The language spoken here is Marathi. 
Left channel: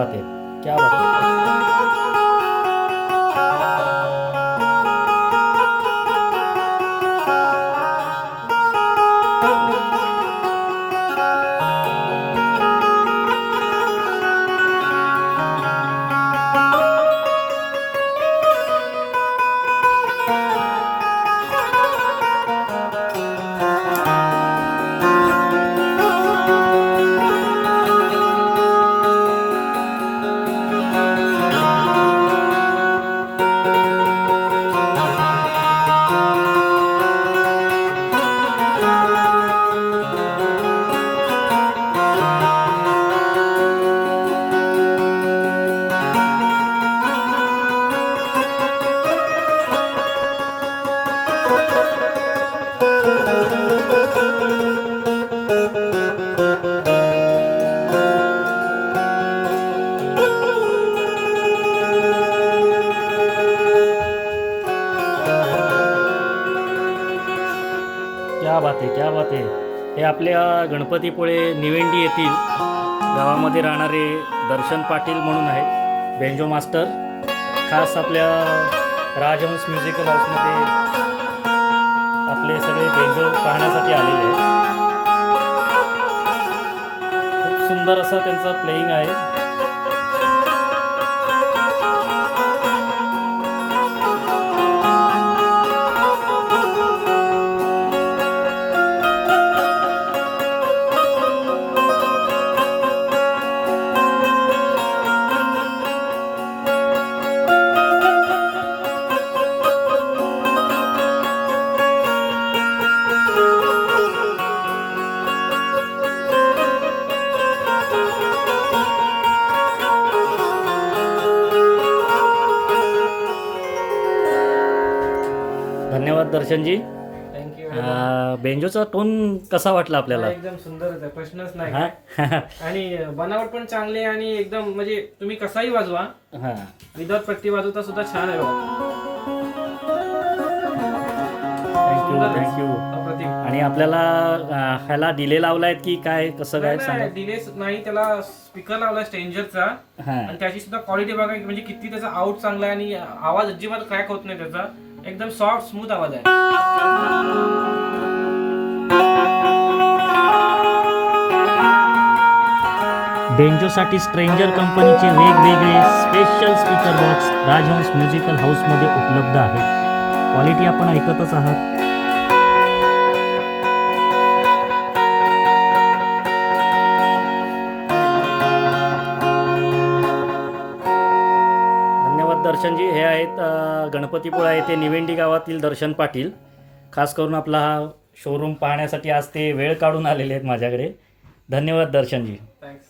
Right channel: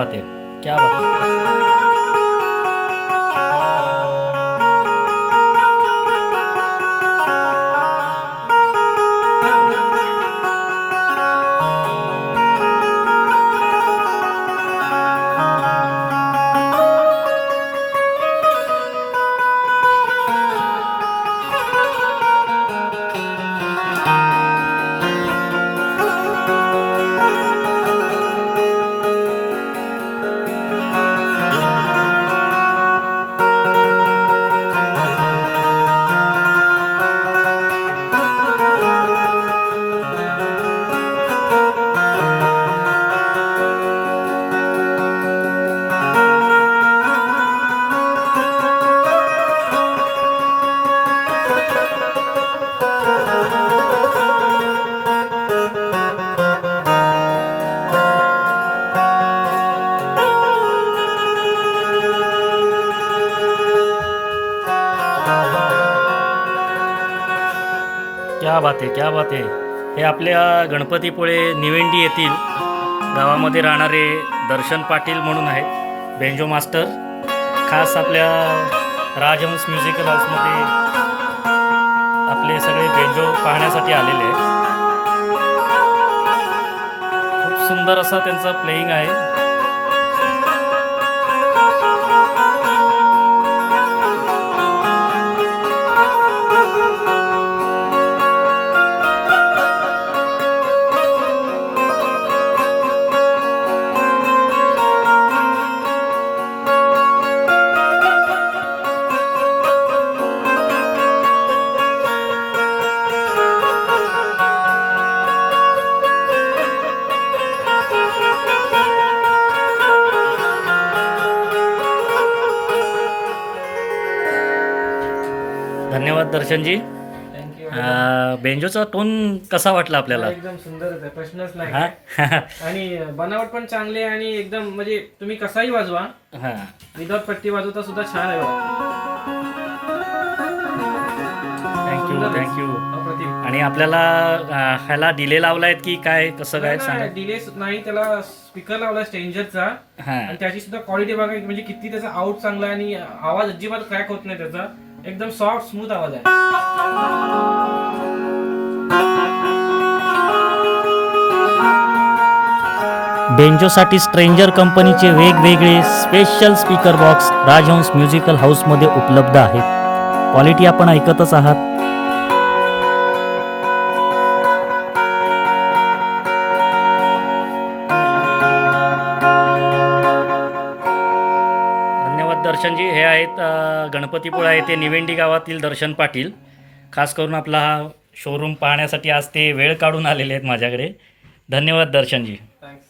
बात है, क्या बात है। क्या बात आहे, क्या बात आहे. हे आपल्या गणपतीपुळे निवेंडी येथील गावामध्ये राहणारे दर्शन पाटील म्हणून आहेत, बेंजो मास्टर. खास आपल्या राजहंस म्युझिकल हाऊसमध्ये आपले सगळे बेंजो पाहण्यासाठी आलेले आहेत. खूप सुंदर असा त्यांचा प्लेइंग आहे. धन्यवाद दर्शनजी. थँक्यू. बेंजोचा टोन कसा वाटला आपल्याला? एकदम सुंदरच आहे, प्रश्नच नाही. हा आणि बनावट पण चांगले आणि एकदम म्हणजे तुम्ही कसाही वाजवा, हा. विदाउट पट्टी वाजवता सुद्धा छान आहे बघा. थँक्यू. अप्रतिम. आणि आपल्याला ह्याला डिले लावलाय की काय, कसं काय सांगा? डिले नाही, त्याला स्पीकर लावला स्ट्रेंजरचा हा. आणि त्याची सुद्धा क्वालिटी बघा, म्हणजे किती त्याचा आउट चांगला आहे आणि आवाज अजिबात क्रॅक होत नाही त्याचा. एकदम सॉफ्ट स्मूथ आवाज आहे. बेंजोसाठी स्ट्रेंजर कंपनीचे वेगवेगळे स्पेशल स्पीकर बॉक्स राजहंस म्युझिकल हाऊसमध्ये उपलब्ध आहेत. क्वालिटी आपण ऐकतच आहात. धन्यवाद दर्शनजी. हे आहेत गणपतीपुळा येथे निवेंडी गावातील दर्शन पाटील. खास करून आपला हा शोरूम पाहण्यासाठी आज ते वेळ काढून आलेले आहेत माझ्याकडे. धन्यवाद दर्शनजी. थँक्स.